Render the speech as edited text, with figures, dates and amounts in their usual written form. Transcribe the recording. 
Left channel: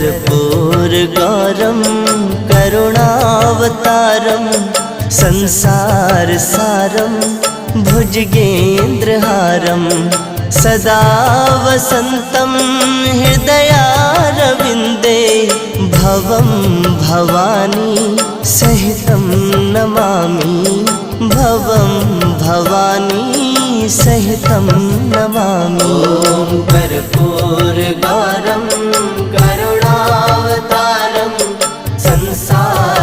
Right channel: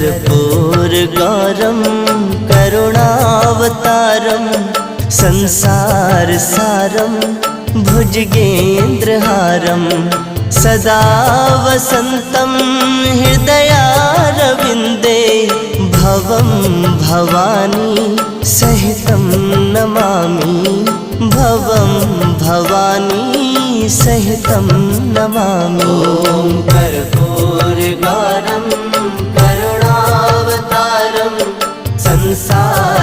कर्पूरगौरं करुणावतारं संसारसारं भुजगेन्द्रहारं सदा वसन्तं हृदयारविन्दे भवं भवानी सहितं नमामि भवं भवानी सहितं नमामि। कर्पूरगौरं करुणावतारं संसार